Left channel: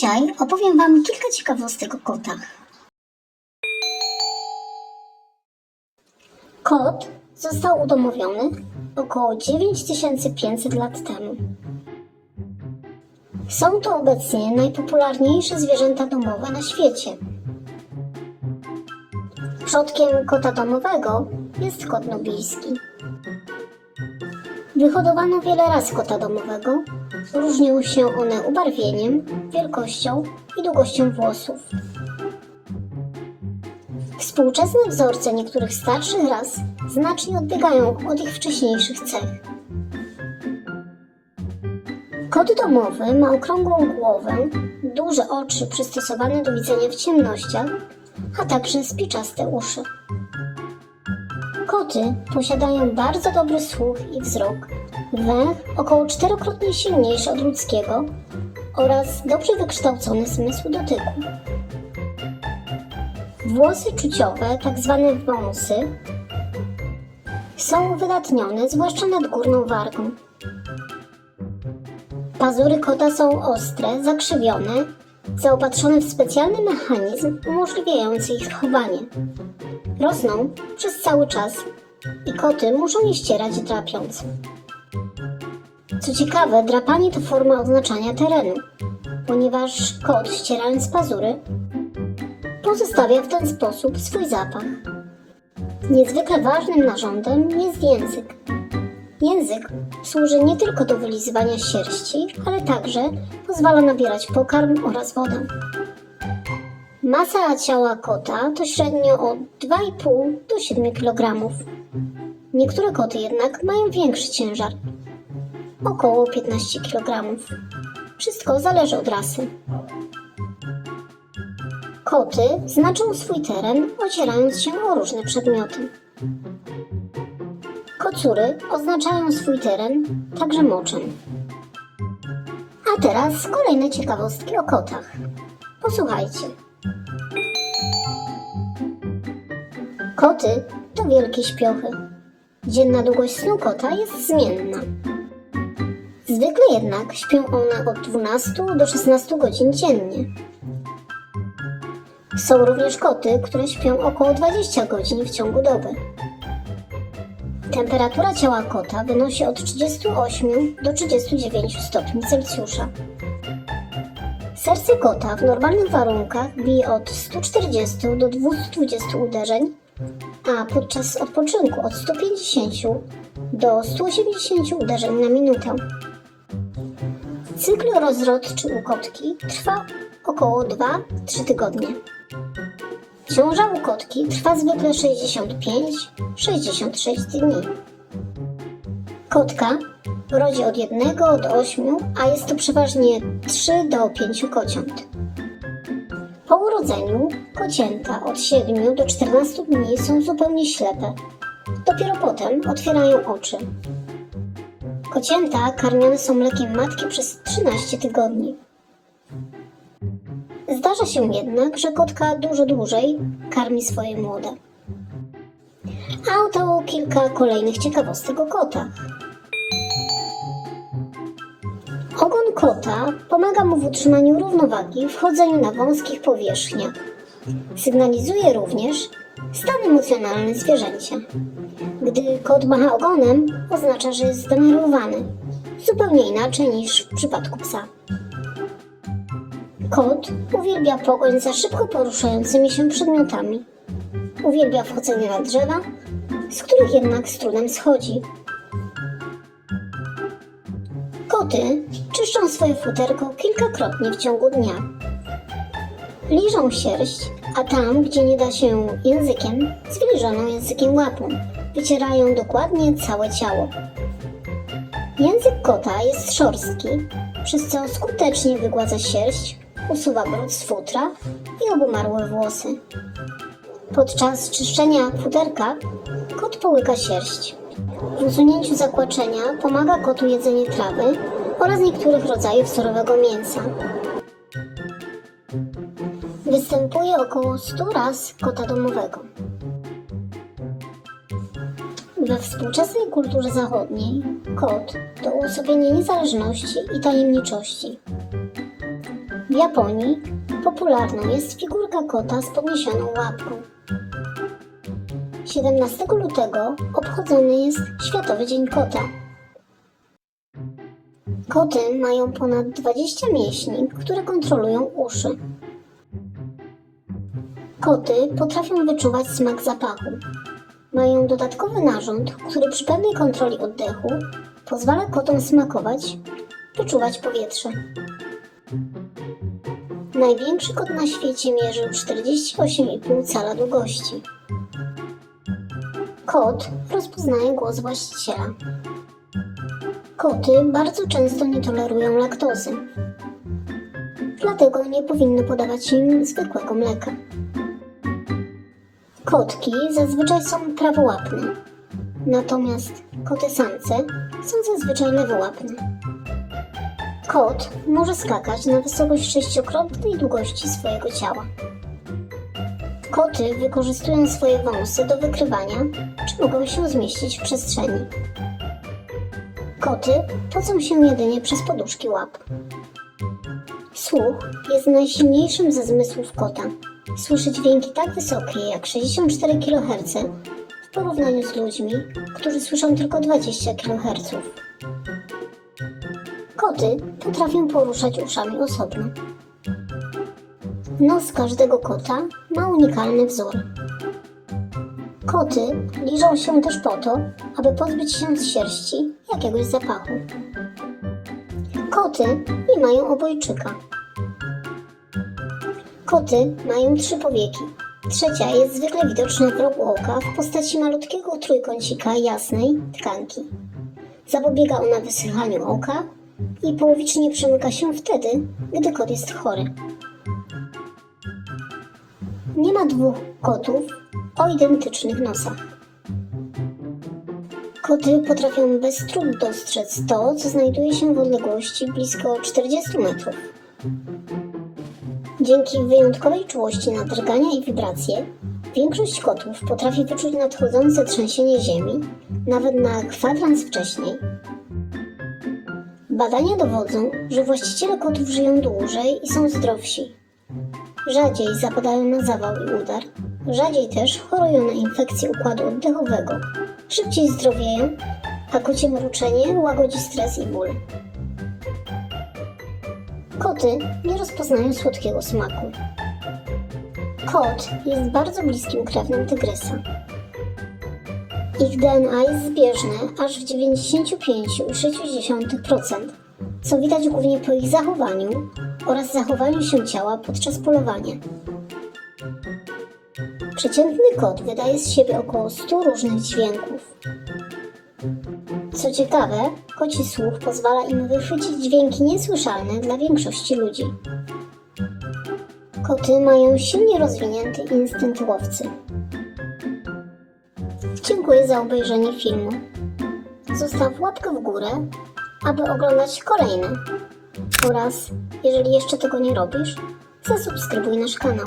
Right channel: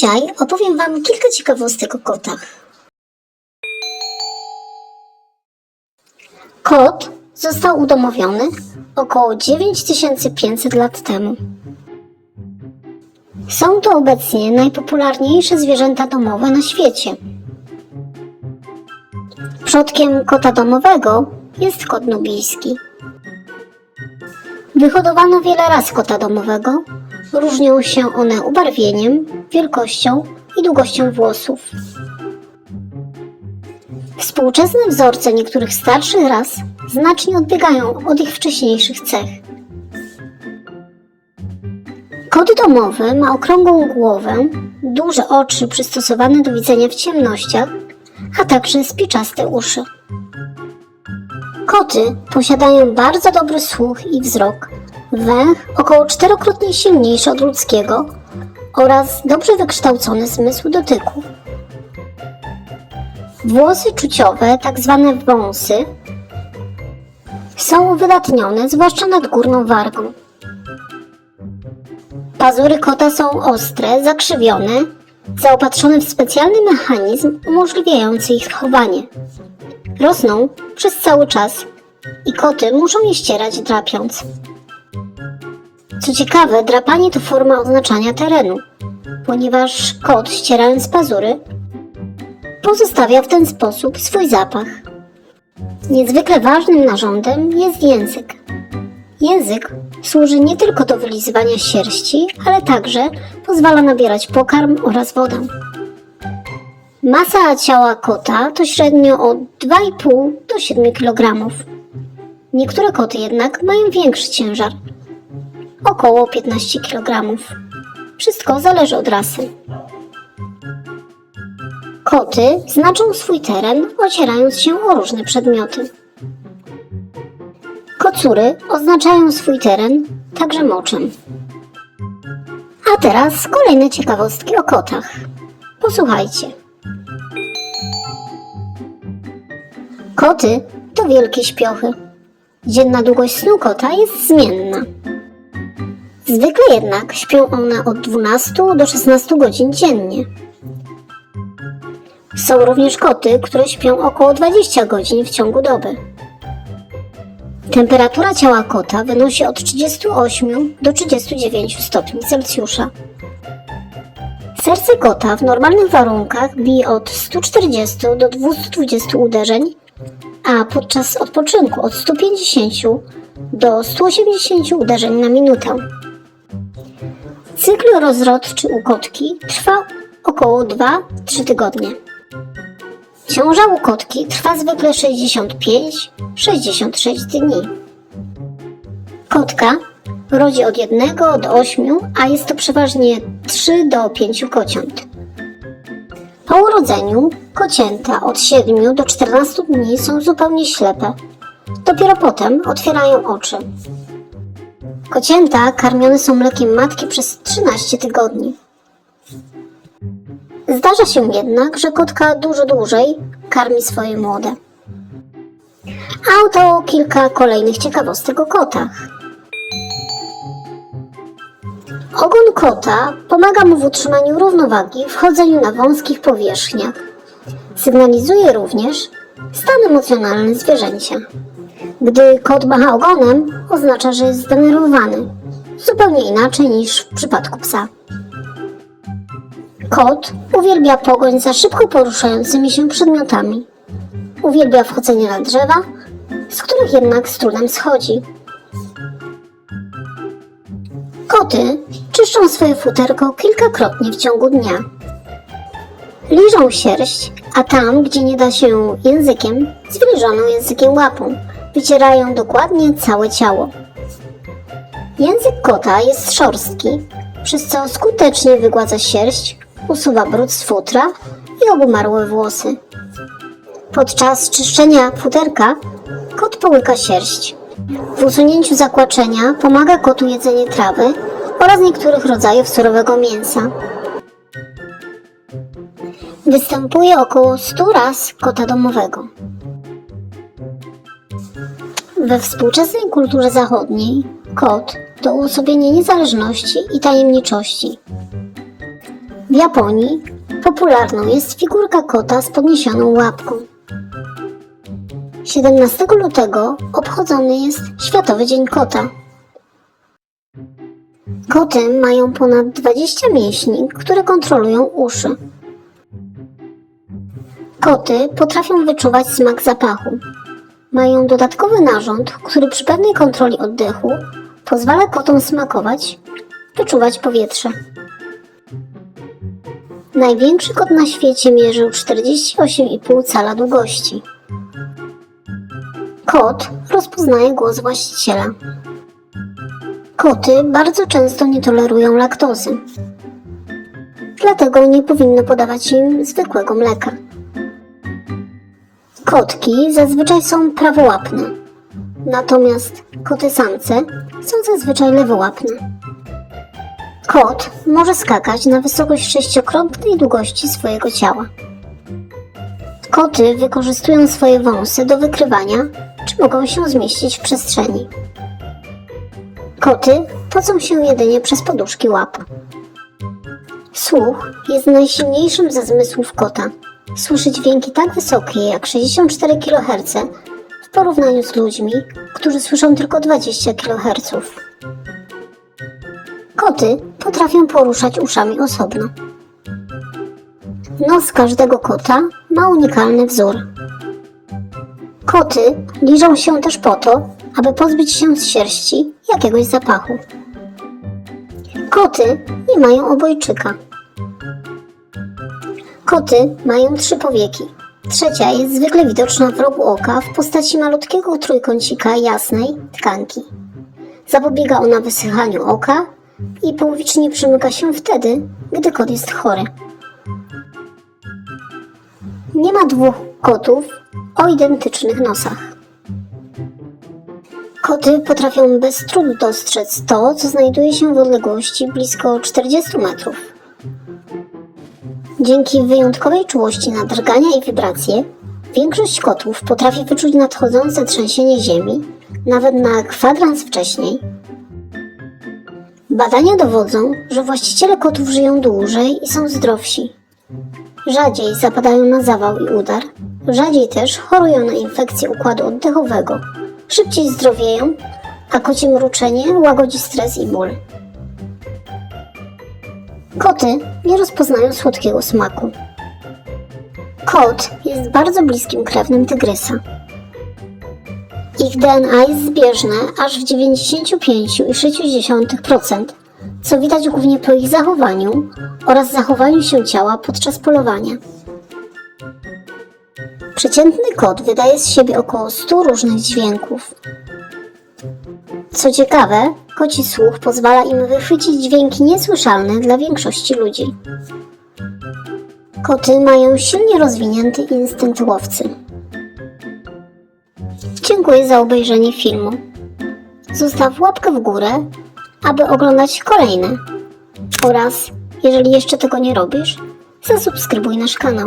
Dzisiaj opowiem Wam kilka ciekawostek o kotach. Kot został udomowiony około 9500 lat temu. Są to obecnie najpopularniejsze zwierzęta domowe na świecie. Przodkiem kota domowego jest kot nubijski. Wyhodowano wiele ras kota domowego. Różnią się one ubarwieniem, wielkością i długością włosów. Współczesne wzorce niektórych starszych ras znacznie odbiegają od ich wcześniejszych cech. Kot domowy ma okrągłą głowę, duże oczy przystosowane do widzenia w ciemnościach, a także spiczaste uszy. Koty posiadają bardzo dobry słuch i wzrok, węch około czterokrotnie silniejszy od ludzkiego oraz dobrze wykształcony zmysł dotyku. Włosy czuciowe, tak zwane wąsy, są uwydatnione, zwłaszcza nad górną wargą. Pazury kota są ostre, zakrzywione, zaopatrzone w specjalny mechanizm umożliwiający ich chowanie. Rosną przez cały czas i koty muszą je ścierać drapiąc. Co ciekawe, drapanie to forma oznaczania terenu, ponieważ kot ścierając pazury pozostawia w ten sposób swój zapach. Niezwykle ważnym narządem jest język. Język służy nie tylko do wylizywania sierści, ale także pozwala nabierać pokarm oraz wodę. Masa ciała kota to średnio od 2,5 do 7 kg. Niektóre koty jednak mają większy ciężar około 15 kg. Wszystko zależy od rasy. Koty znaczą swój teren, ocierając się o różne przedmioty. Kocury oznaczają swój teren także moczem. A teraz kolejne ciekawostki o kotach. Posłuchajcie. Koty to wielkie śpiochy. Dzienna długość snu kota jest zmienna. Zwykle jednak śpią one od 12 do 16 godzin dziennie. Są również koty, które śpią około 20 godzin w ciągu doby. Temperatura ciała kota wynosi od 38 do 39 stopni Celsjusza. Serce kota w normalnych warunkach bije od 140 do 220 uderzeń, a podczas odpoczynku od 150 do 180 uderzeń na minutę. Cykl rozrodczy u kotki trwa około 2-3 tygodnie. Ciąża u kotki trwa zwykle 65-66 dni. Kotka rodzi od 1 do 8, a jest to przeważnie 3 do 5 kociąt. Po urodzeniu kocięta od 7 do 14 dni są zupełnie ślepe. Dopiero potem otwierają oczy. Kocięta karmione są mlekiem matki przez 13 tygodni. Zdarza się jednak, że kotka dużo dłużej karmi swoje młode. A oto kilka kolejnych ciekawostek o kotach. Ogon kota pomaga mu w utrzymaniu równowagi w chodzeniu na wąskich powierzchniach. Sygnalizuje również stan emocjonalny zwierzęcia. Gdy kot macha ogonem, oznacza, że jest zdenerwowany. Zupełnie inaczej niż w przypadku psa. Kot uwielbia pogoń za szybko poruszającymi się przedmiotami. Uwielbia wchodzenie na drzewa, z których jednak z trudem schodzi. Koty czyszczą swoje futerko kilkakrotnie w ciągu dnia. Liżą sierść, a tam, gdzie nie da się językiem, zwilżoną językiem łapą, wycierają dokładnie całe ciało. Język kota jest szorstki, przez co skutecznie wygładza sierść, usuwa brud z futra i obumarłe włosy. Podczas czyszczenia futerka kot połyka sierść. W usunięciu zakłaczenia pomaga kotu jedzenie trawy oraz niektórych rodzajów surowego mięsa. Występuje około 100 ras kota domowego. We współczesnej kulturze zachodniej kot to uosobienie niezależności i tajemniczości. W Japonii popularną jest figurka kota z podniesioną łapką. 17 lutego obchodzony jest Światowy Dzień Kota. Koty mają ponad 20 mięśni, które kontrolują uszy. Koty potrafią wyczuwać smak zapachu. Mają dodatkowy narząd, który przy pewnej kontroli oddechu pozwala kotom smakować, wyczuwać powietrze. Największy kot na świecie mierzył 48,5 cala długości. Kot rozpoznaje głos właściciela. Koty bardzo często nie tolerują laktozy. Dlatego nie powinno podawać im zwykłego mleka. Kotki zazwyczaj są prawołapne, natomiast koty samce są zazwyczaj lewołapne. Kot może skakać na wysokość sześciokrotnej długości swojego ciała. Koty wykorzystują swoje wąsy do wykrywania, czy mogą się zmieścić w przestrzeni. Koty pocą się jedynie przez poduszki łap. Słuch jest najsilniejszym ze zmysłów kota. Słyszy dźwięki tak wysokie jak 64 kHz w porównaniu z ludźmi, którzy słyszą tylko 20 kHz. Koty potrafią poruszać uszami osobno. Nos każdego kota ma unikalny wzór. Koty liżą się też po to, aby pozbyć się z sierści jakiegoś zapachu. Koty nie mają obojczyka. Koty mają trzy powieki. Trzecia jest zwykle widoczna w rogu oka w postaci malutkiego trójkącika jasnej tkanki. Zapobiega ona wysychaniu oka i połowicznie przymyka się wtedy, gdy kot jest chory. Nie ma dwóch kotów o identycznych nosach. Koty potrafią bez trudu dostrzec to, co znajduje się w odległości blisko 40 metrów. Dzięki wyjątkowej czułości na drgania i wibracje, większość kotów potrafi wyczuć nadchodzące trzęsienie ziemi nawet na kwadrans wcześniej. Badania dowodzą, że właściciele kotów żyją dłużej i są zdrowsi. Rzadziej zapadają na zawał i udar, rzadziej też chorują na infekcję układu oddechowego, szybciej zdrowieją, a kocie mruczenie łagodzi stres i ból. Koty nie rozpoznają słodkiego smaku. Kot jest bardzo bliskim krewnym tygrysa. Ich DNA jest zbieżne aż w 95,6%, co widać głównie po ich zachowaniu oraz zachowaniu się ciała podczas polowania. Przeciętny kot wydaje z siebie około 100 różnych dźwięków. Co ciekawe, koci słuch pozwala im wychwycić dźwięki niesłyszalne dla większości ludzi. Koty mają silnie rozwinięty instynkt łowcy. Dziękuję za obejrzenie filmu. Zostaw łapkę w górę, aby oglądać kolejne. Oraz, jeżeli jeszcze tego nie robisz, zasubskrybuj nasz kanał.